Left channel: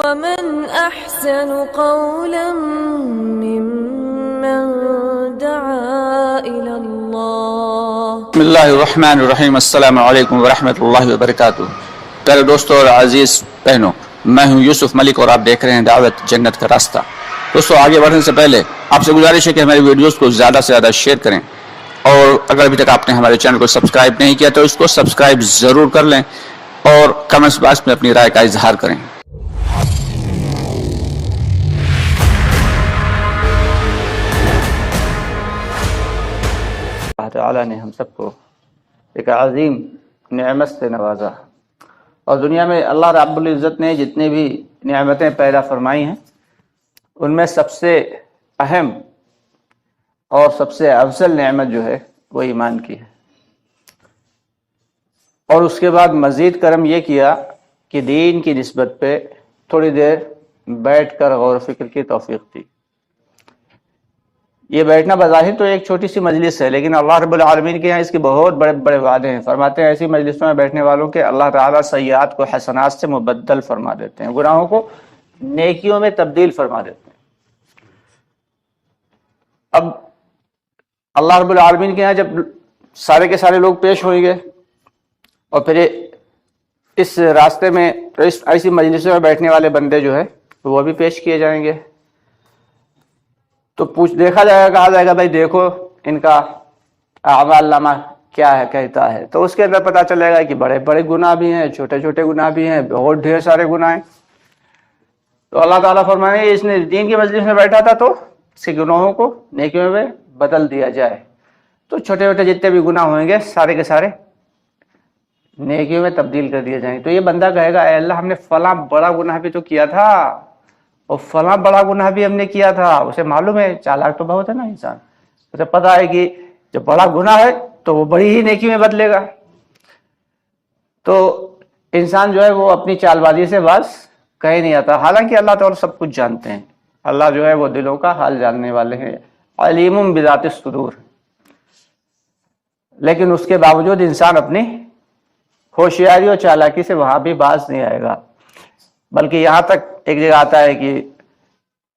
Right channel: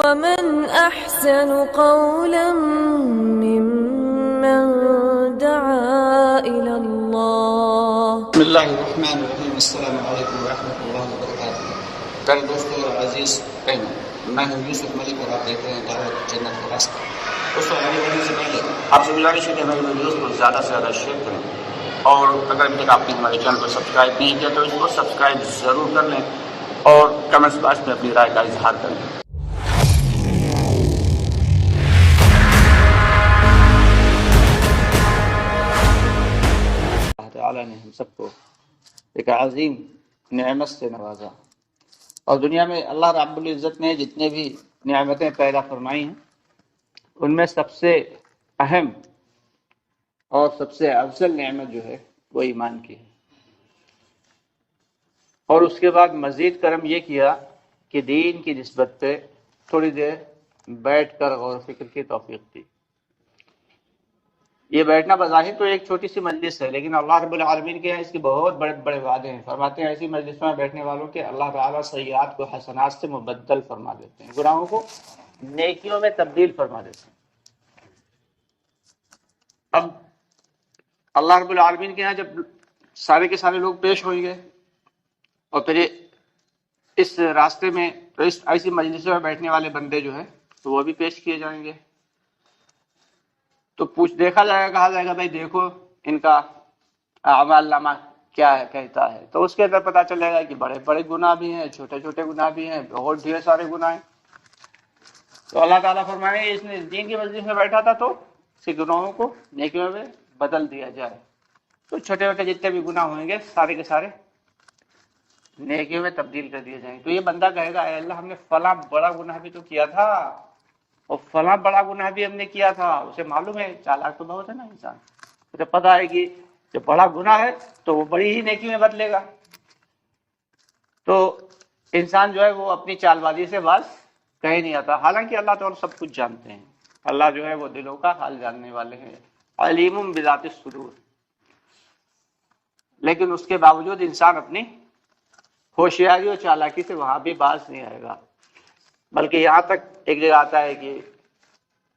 ومن أحسن قولا ممن دعا إلى الله. بسم اللہ الرحمن الرحیم. السلام علیکم ورحمۃ اللہ وبرکاتہ. پیارے دوستوں اور عزیز بہنوں، میں ہوں یوسف ملک اور آپ دیکھ رہے ہیں دعوت جنت کا راستہ. دوستوں، آگے بڑھنے سے پہلے آپ سے گزارش ہے کہ ہماری ویڈیوز کو زیادہ سے زیادہ شیئر کریں، اور اگر ابھی تک آپ نے ہمارے چینل کو سبسکرائب نہیں کیا تو اس کو سبسکرائب ضرور کر لیں اور کمنٹس باکس میں اپنی رائے کا اظہار کریں. اللہ تعالیٰ نے ہم سب کو ایک عظیم نعمت سے نوازا، اور دنیا میں اللہ رب العزت نے جتنے بھی نعمتیں پیدا فرمائی ہیں ان میں سب سے اہم اور سب سے افضل نعمت جو ہے وہ ایمان کی ہے. اور اس کے بعد مزید کرم یہ کیا کہ دین کی نسبت پہ تھوڑی دیر بیٹھ کر غور و فکر کی توفیق دی. یہ بیٹھنا بظاہر تو ایک چھوٹی سی مجلس ہے، لیکن اللہ رب العالمین کے یہاں اس کے بہت بڑے بڑے وعدے ہیں. فرماتے ہیں ایسی مجلسوں میں بیٹھنے والوں کے اللہ تعالیٰ سیئات کو حسنات سے مبدل فرما دیتے ہیں، گناہوں کو نیکیوں میں تبدیل فرما دیتے ہیں. اب اللہ رب العالمین کے یہاں جب سارے کے سارے لوگ پیش ہوئیں گے اور پھر اس راستے میں ایسی مجلسوں میں بیٹھنے والے بندے جو ہے وہ بھی پیش کیے جائیں گے، تو دیکھا جائے گا، کہا جائے گا بھائی دیکھو ان کا اعمال نامہ کیا ہے کہتا ہے. تو اس کے اندر پتہ چلے گا کہ بڑے بڑے گناہ بھی ہیں، چھوٹے چھوٹے گناہ بھی ہیں، بہت ڈھیر سارے گناہ ہیں. تو اللہ تعالیٰ فرمائے اس نے دین کی مجلس میں بیٹھا تھا تو اس کے گناہوں کو نیکیوں میں بدل دیا جائے. تو چھوٹے چھوٹے جتنے بھی گناہ ہوئیں گے سارے کے سارے نیکیوں میں تبدیل کر دیے جائیں. تو یہ بندہ کہے گا اے اللہ ہم نے فلاں بڑا گناہ بھی تو کیا تھا اور فلاں بڑا گناہ بھی ہم نے کیا تھا. اسے معلوم ہے، چالاک تو بہت ہے نا انسان، اسے پتا ہے کہ جب بڑا گناہ ہے تو وہ بڑی ہی نیکی میں بدلے گا. تو انسان جو ہے وہ اپنی چال بازی سے باز کہیں نہیں آتا. حالانکہ اللہ تعالیٰ سب کچھ جانتے ہیں، اللہ جو ہے وہ دلوں کا حال جاننے والے ہیں، علیم بذات الصدور. لیکن اس کے باوجود انسان اپنی ہوشیاری اور چالاکی سے وہاں بھی باز نہیں آئے گا. بلکہ یہاں تک ایک جگہ آتا ہے کہ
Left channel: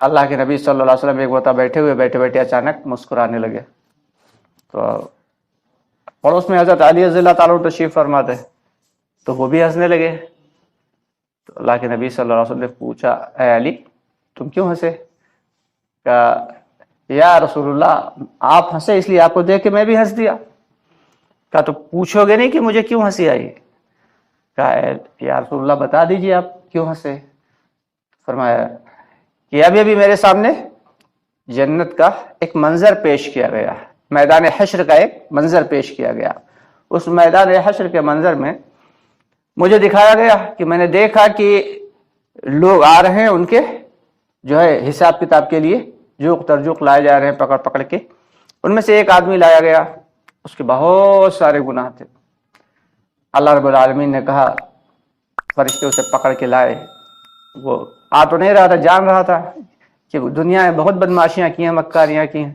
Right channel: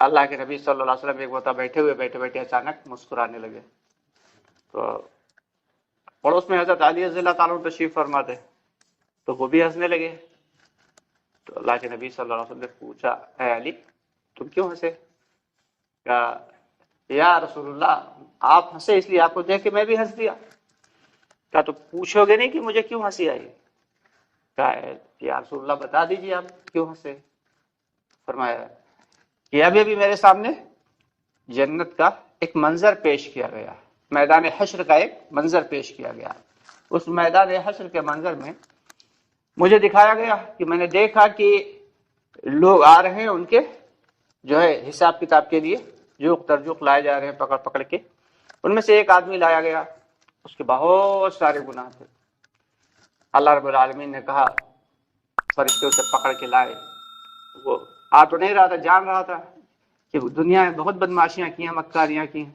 اللہ کے نبی صلی اللہ علیہ وسلم ایک وقت بیٹھے بیٹھے اچانک مسکرانے لگے. تو پڑوس میں حضرت علی رضی اللہ تعالیٰ تشریف فرماتے تو وہ بھی ہنسنے لگے. تو اللہ کے نبی صلی اللہ علیہ وسلم نے پوچھا اے علی تم کیوں ہنسے؟ کہا یا رسول اللہ آپ ہنسے اس لیے آپ کو دیکھ کے میں بھی ہنس دیا. کہا تو پوچھو گے نہیں کہ مجھے کیوں ہنسی آئی؟ کہا یا رسول اللہ بتا دیجیے آپ کیوں ہنسے. فرمایا کہ ابھی ابھی میرے سامنے جنت کا ایک منظر پیش کیا گیا، میدان حشر کا ایک منظر پیش کیا گیا. اس میدان حشر کے منظر میں مجھے دکھایا گیا کہ میں نے دیکھا کہ لوگ آ رہے ہیں ان کے جو ہے حساب کتاب کے لیے جوق ترجوق لائے جا رہے ہیں پکڑ پکڑ کے. ان میں سے ایک آدمی لایا گیا، اس کے بہت سارے گناہ تھے. اللہ رب العالمین نے کہا فرشتے اسے پکڑ کے لائے. وہ آ تو نہیں رہا تھا، جان رہا تھا کہ دنیا میں بہت بدماشیاں کی ہیں، مکاریاں کی ہیں.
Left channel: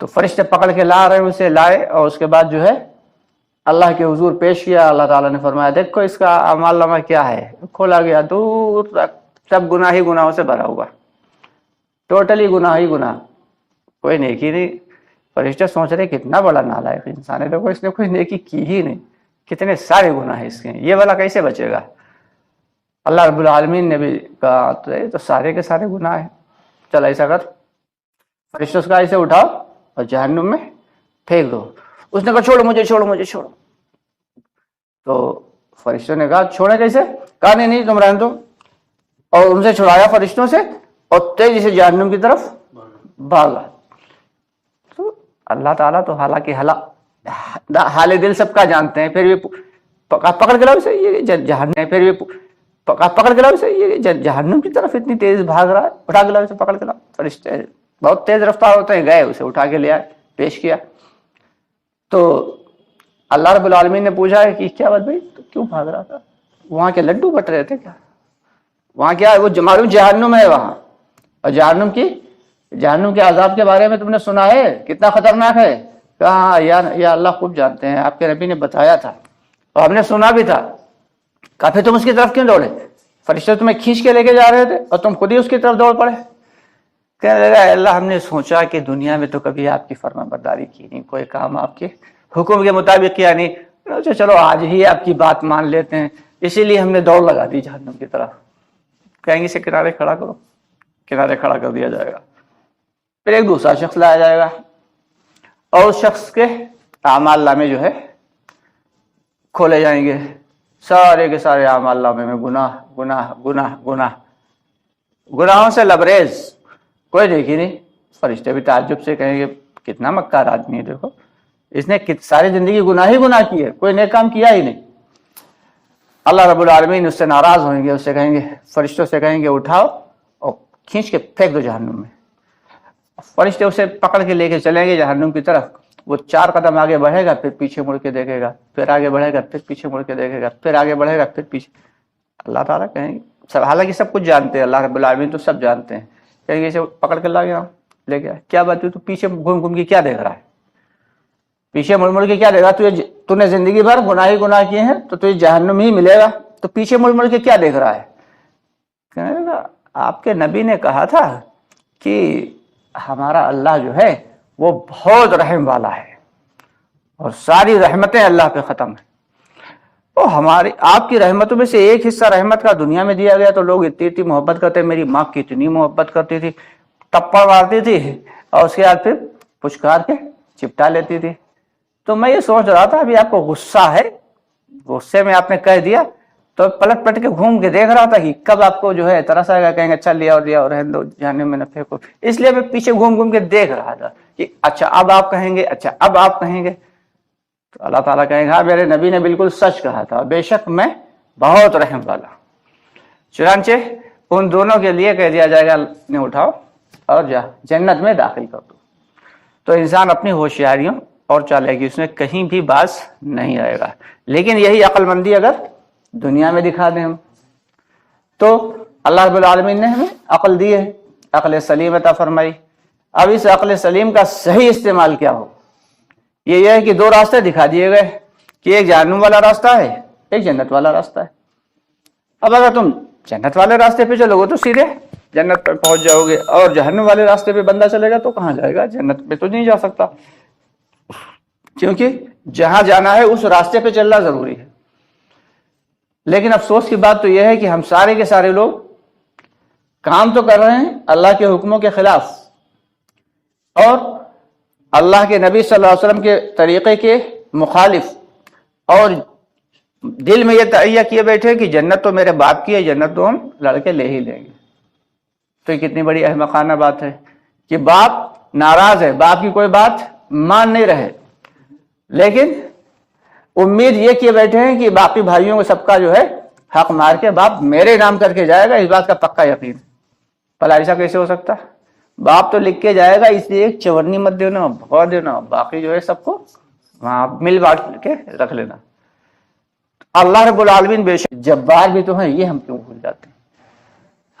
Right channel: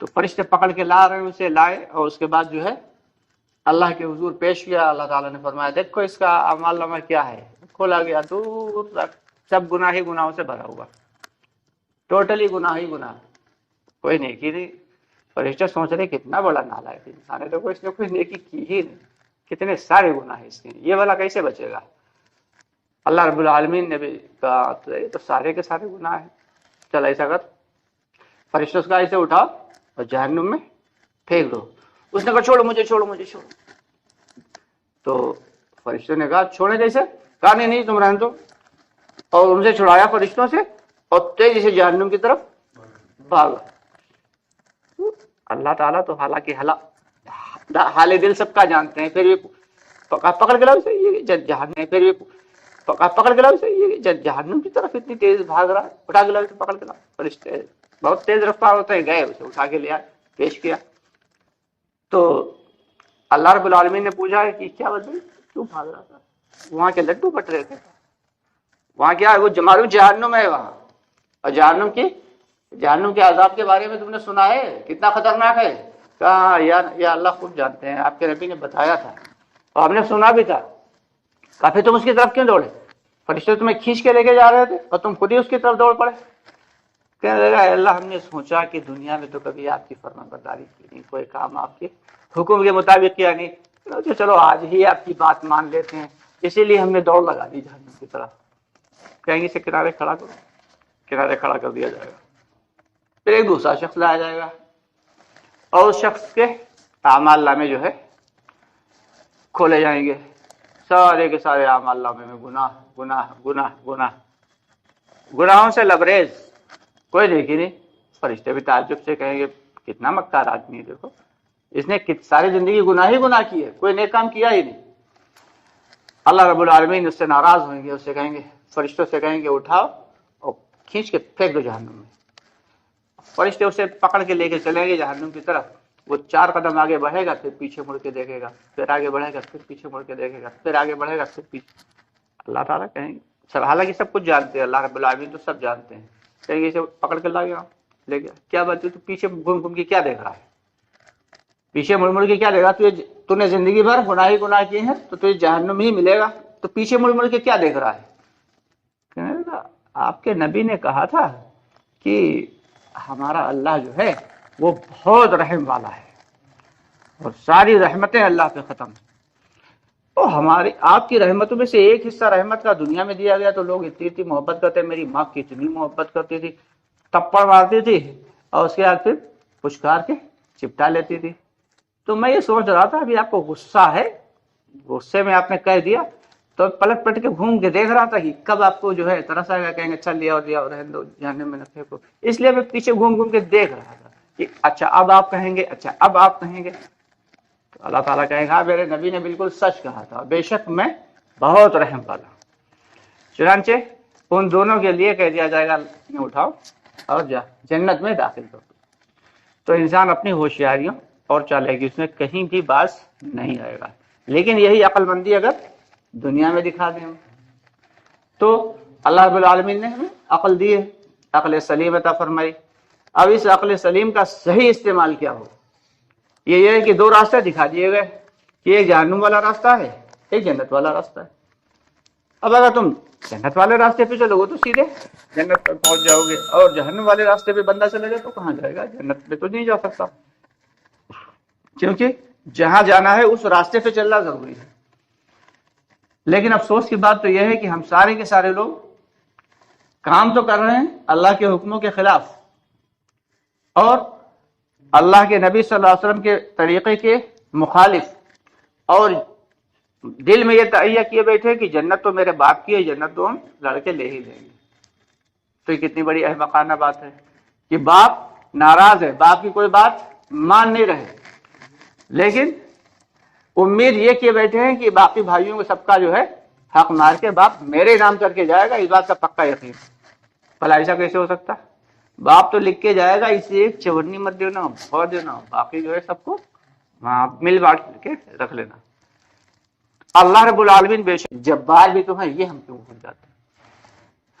تو فرشتے پکڑ کے لا رہے ہیں، اسے لائے اور اس کے بعد جو ہے اللہ کے حضور پیش کیا. اللہ تعالیٰ نے فرمایا دیکھو اس کا اعمال نامہ کیا ہے. کھولا گیا، دور تک سب گناہ ہی گناہوں سے بھرا ہوا، ٹوٹلی گناہ ہی گناہ، کوئی نیکی نہیں. فرشتے سوچ رہے کتنا بڑا نالائق انسان ہے، دیکھو اس نے کوئی نیکی کی ہی نہیں، کتنے سارے گناہ ہیں اس کے، یہ والا کیسے بچے گا؟ اللہ رب العالمین نے بھی کہا تو سارے کے سارے گناہ ہیں، چل ایسا کر فرشتے اس کا ایسے اٹھاؤ اور جہنم میں پھینک دو. اس نے کہا چھوڑو مجھے، چھوڑو مجھے، چھوڑو. تو فرشتوں نے کہا چھوڑے کیسے؟ کہا نہیں تم رہنے دو. اور ان سے چھڑایا فرشتوں سے اور تیزی سے جہنم کی طرف بھاگا. تو اللہ تعالیٰ تو حالانکہ حال دل سب کا جانتے ہیں، پھر بھی پکڑ کے لاؤ سے یہ جہنم، پھر بھی پکڑ کے لاؤ سے یہ جہنم کی طرف اتنی تیز بھاگ رہا ہے، اٹھا کے لاؤ سے پکڑ کے لاؤ. فرشتے بہت تیز رفتار ہوتے ہیں، گئے اسے اٹھا کے لے آئے، پیش کیا. تو اللہ رب العالمین نے پوچھا کہ کیا بات بھائی کیوں بھاگ رہا تھا؟ وہاں کے لڈو بٹ رہے تھے کیا؟ وہاں کیا وہ معلوم جہنم ہے وہاں، اور جہنم کے عذاب کے بارے میں تم نے سنا ہے کتنا خطرناک ہے؟ کہا یا اللہ خوب جانتے ہیں، آپ کے نبی نے بتایا تھا اور ہم نے سنا بھی تھا. کہا پھر تم اس کی طرف کیوں دوڑے؟ فرشتے تمہیں کھینچ کے لے کے جا رہے تھے اور تم خود ہی اس کی طرف دوڑ پڑے. کہنے لگا اے اللہ ہم نے سوچا کہ دنیا میں تو کبھی آپ کی فرما برداری کی نہیں, کوئی کام آپ کے حکم کے مطابق کیا نہیں, چلو آج ہی آپ کی بات مان لیتے ہیں, اسی لیے ہم نے دوڑ لگا دی جہنم کی طرف. کہیں گے اسے کنارے کھڑا کرو, کنارے کھڑا کر دیا جائے گا. پھر ایک دوسرا شخص لایا جائے گا اور اس شخص کے اعمال نامے جو ہے کھولے جائیں گے. سارے کے سارے اعمال نامے میں گناہ گناہ گناہ گناہ, گناہوں سے لبریز, کوئی دیکھی نہیں. فرشتے بھی تعجب سے کہیں گے کتنا مکار آدمی ہے, دیکھو اس نے ساری زندگی گناہ ہی گناہ کی ہے, کوئی نیک کام کیا ہی نہیں. اللہ رب العالمین اس سے ناراض ہوئیں گے, اس سے کہیں گے, فرشتوں سے کہیں گے اٹھاؤ اور کھینچ کے پھینک دو جہنم میں. فرشتے اسے پکڑ کے لے کے چلیں گے جہنم کی طرف. وہ 4 قدم آگے بڑھے گا, پھر پیچھے مڑ کے دیکھے گا, پھر آگے بڑھے گا, پھر پیچھے مڑ کے دیکھے گا, پھر آگے بڑھے گا, پھر پیچھے. اللہ تعالیٰ کہیں گے, حالانکہ سب کچھ جانتے ہیں, اللہ رب العالمین تو سب جانتے ہیں, کہیں گے اسے پکڑ کے لا گیا لے گیا, کیا بات ہے تو پیچھے گھوم گھوم کے کیا دیکھ رہا ہے, پیچھے مڑ مڑ کے کیا دیکھ رہا ہے, تو نے زندگی بھر گناہ ہی گناہ کیے ہیں تو تجھے جہنم ہی ملے گا, تو پیچھے مڑ مڑ کے کیا دیکھ رہا ہے. کہنے لگا آپ کے نبی نے کہا تھا کہ ہمارا اللہ جو ہے وہ بہت رحم والا ہے اور ساری رحمتیں اللہ پہ ختم ہیں. تو ہماری آپ کی رحمتوں میں سے ایک حصہ رحمت کا دنیا میں دیا گیا تو لوگ اتنی محبت کرتے, میری ماں کتنی محبت کرتی تھی, ٹپا مارتی تھی اور اس کے بعد پھر پچکار کے چپٹا لیتی تھی. تو میں یہ سوچ رہا تھا ابھی آپ کو غصہ ہے, غصے میں آپ نے کہہ دیا, تو پلٹ پلٹ کے گھوم کے دیکھ رہا تھا کہ کب آپ کو جو ہے ترس آئے گا, کہیں گے چل لیا اور رہنے دو, جہنم میں نہ پھینکو. اس لیے میں پیچھے گھوم گھوم کے دیکھ رہا تھا کہ اچھا اب آپ کہیں گے, اچھا اب آپ کہیں گے. تو اللہ تعالیٰ کہیں گے ہاں میرے نبی نے بالکل سچ کہا تھا, بے شک میں بہت رحم والا. چنانچہ ان دونوں کے لیے کہہ دیا جائے گا انہیں اٹھاؤ اور جا جنت میں داخل کر دو. تو انسان اپنی ہوشیاریوں اور چالاکی اس میں کہیں بھی باز نہیں آئے گا. لیکن یہی عقل مندی اگر دنیا میں دکھا دیں ہم, تو اللہ رب العالمین نے ہمیں عقل دی ہے, عقل سلیم عطا فرمائی. اب اس عقل سلیم کا صحیح استعمال کیا ہو, یہ ہے کہ 2 راستے دکھا دیے گئے کہ ایک جہنم والا راستہ ہے, ایک جنت والا راستہ ہے. اب اگر تم جنت والے راستے پہ چلو گے تو سیدھے جنت پر پہنچ جاؤ گے, اور جہنم والے راستے پہ بندہ چلے گا تو کہاں جائے گا, جنت پہ تو نہیں جا سکتا, کیونکہ جہاں جانا ہے اس راستے پہ چلنا ضروری ہے. لیکن افسوس کی بات تو یہ ہے کہ ہم سارے کے سارے لوگ کام تو کر رہے ہیں اللہ کے حکموں کے خلاف, اور اللہ کے نبی صلی اللہ علیہ وسلم کے طریقے کے مخالف, اور دل میں یہ تہیہ کیے بیٹھے کہ جنت تو میرے باپ کی ہے, جنت تو ہم لڑکے لے ہی لیں گے. تو یہ کتنی بڑی احمقانہ بات ہے کہ باپ ناراض ہے, باپ کی کوئی بات مان نہیں رہے, لیکن امید یہ کیے بیٹھے ہیں کہ باقی بھائیوں کو سب کا جو ہے حق مار کے باپ میرے نام کر کے جائے گا, اس بات کا پکا یقین. بھلا ایسا کیسے ہو سکتا, باپ تو لکھ کے جائے گا, اس لیے ایک چورنی مت دینا, بہت دینا, باقی جو ہے سب کو وہاں مل بانٹ کے رکھ لینا. اللہ رب العالمین بے شک جبار بھی تو ہیں, یہ ہم کیوں بھول جاتے ہیں.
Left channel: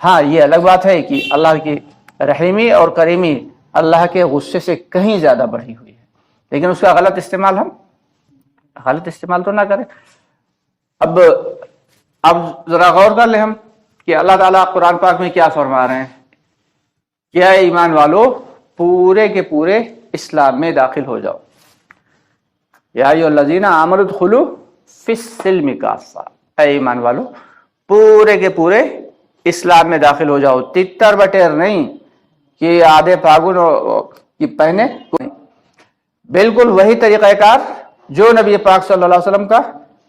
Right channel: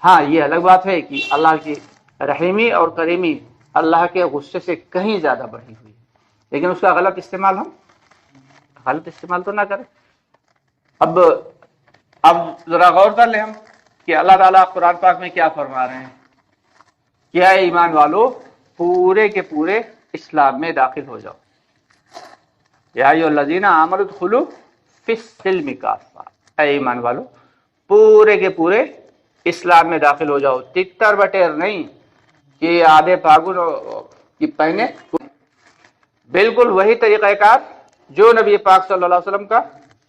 ہاں یہ الگ بات ہے کہ اللہ کی رحیمی اور کریمی اللہ کے غصے سے کہیں زیادہ بڑھی ہوئی ہے, لیکن اس کا غلط استعمال تو نہ کریں. اب ذرا غور کر لیں ہم کہ اللہ تعالیٰ قرآن پاک میں کیا فرما رہے ہیں. کیا ایمان والو پورے کے پورے اسلام میں داخل ہو جاؤ. یا ایھا الذین آمنوا ادخلوا فی السلم کافہ, اے ایمان والو پورے کے پورے اسلام میں داخل ہو جاؤ, تتر بٹیر نہیں کہ آدھے پاگن کی پہنے, بالکل وہی طریقہ کار جو نبی پاک صلی اللہ علیہ وسلم کا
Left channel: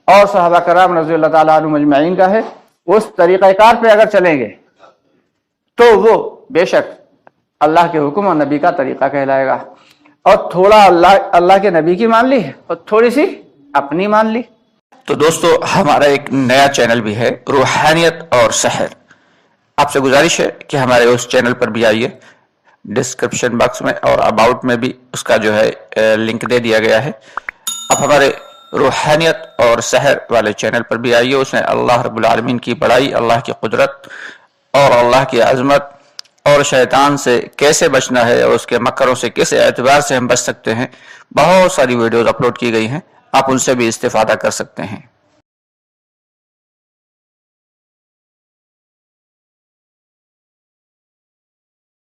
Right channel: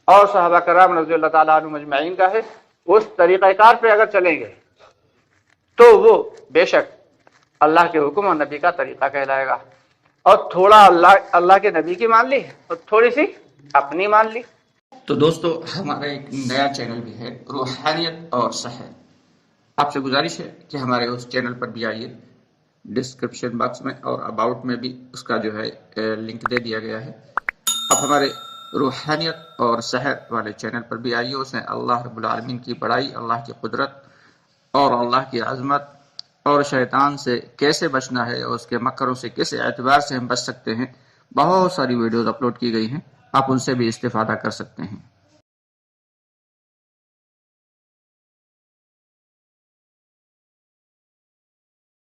اور صحابہ کرام رضی اللہ تعالیٰ عنہم اجمعین کا ہے, اس طریقہ کار پہ اگر چلیں گے تو وہ بے شک اللہ کے حکم اور نبی کا طریقہ کہلائے گا. اور تھوڑا اللہ کے نبی کی مان لی اور تھوڑی سی اپنی مان لی. تو دوستو ہمارا ایک نیا چینل بھی ہے روحانیت اور سحر. آپ سے گزارش ہے کہ ہمارے اس چینل پر بھی آئیے, ڈسکرپشن باکس میں اور اباؤٹ میں بھی اس کا جو ہے لنک دے دیا گیا ہے. آپ ہمارے روحانیت اور سحر والے چینل پر بھی آئیے, اس میں اللہ رب العالمین کی بڑائی, اللہ کی قدرت اور اللہ کی عظمت اور شیطان سے کیسے بچنا ہے اور اس کے مکروں سے کس اعتبار سے ہم بچ سکتے ہیں, بہت ساری ویڈیوز اپلوڈ کی گئی ہیں, آپ ان سے بھی استفادہ کر سکتے ہیں.